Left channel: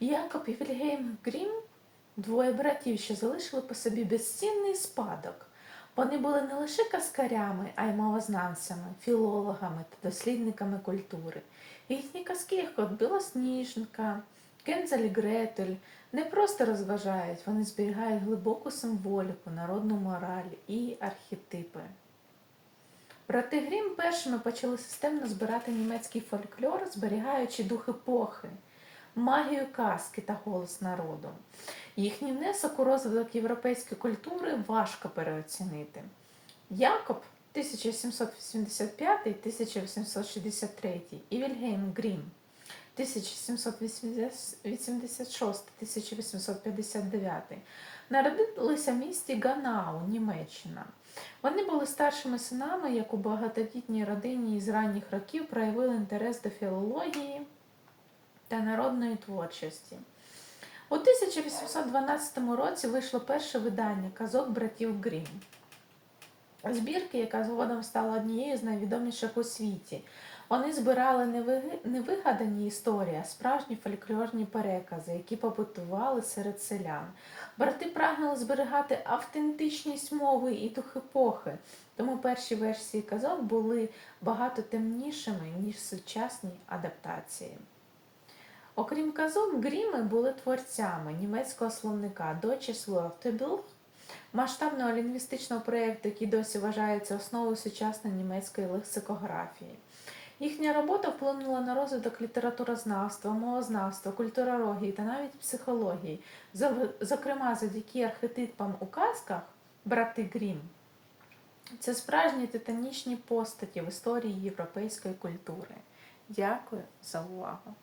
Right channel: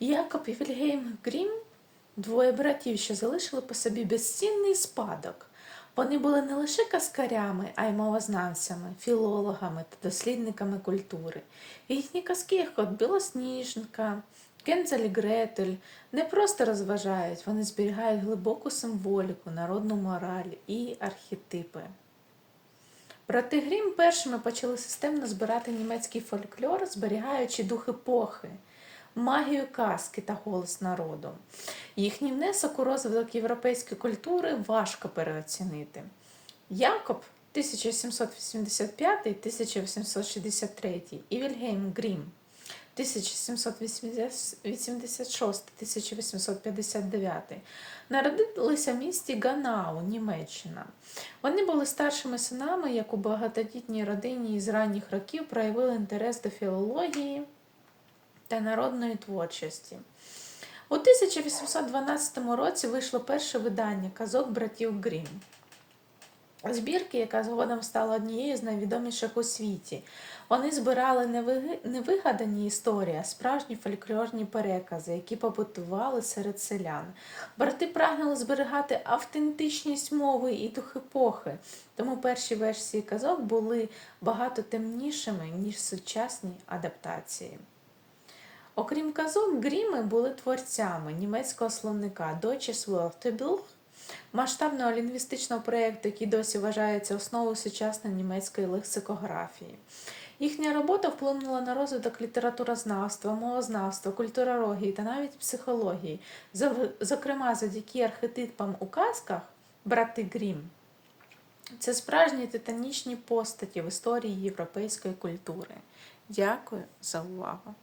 Якоб і Вільгельм Грім двоє братів, що залишили по собі безцінний спадок. Вони були не лише казкарями, а й мовознавцями, філологами та дослідниками культури. Їхні казки, як от Білосніжка, Кензель Гретель, не просто розважають, вони зберігають глибоку символіку, народну мораль і архетипи. Брати Грім першими почали системно збирати німецький фольклор, зберігаючи дух епохи, магію казки та голос народу. Їхній внесок у розвиток європейської культури важко переоцінити. Якоб 1785-1863 і Вільгельм Грім 1786-1859 народилися в місті Ганау, Німеччина. Вони були старшими синами, як у багатодітній родині із ранніх років проявили інтерес до філології та народної творчості. У 1812 році вийшло перше видання казок братів Грім. Збірки, яка згодом стала однією з найвідоміших у світі. Вони збирали не вигадані історії, а справжні фольклорні перекази, які побутували серед селян. Брати прагнули зберігати автентичність мови і дух епохи, тому перші версії казок були багато темнішими, ніж сучасні адаптації. Окрім казок, гріми були творцями німецького словника Deutsches Wörterbuch, масштабного лінгвістичного проєкту, який досі вважається основою сучасної німецької лексикографії. Їхня робота вплинула на розвиток літературознавства, мовознавства, культурології та навіть психології, зокрема завдяки архетипам у казках брати Грім. Це справжні титанічні постаті в історії європейської культури. Дякую за увагу!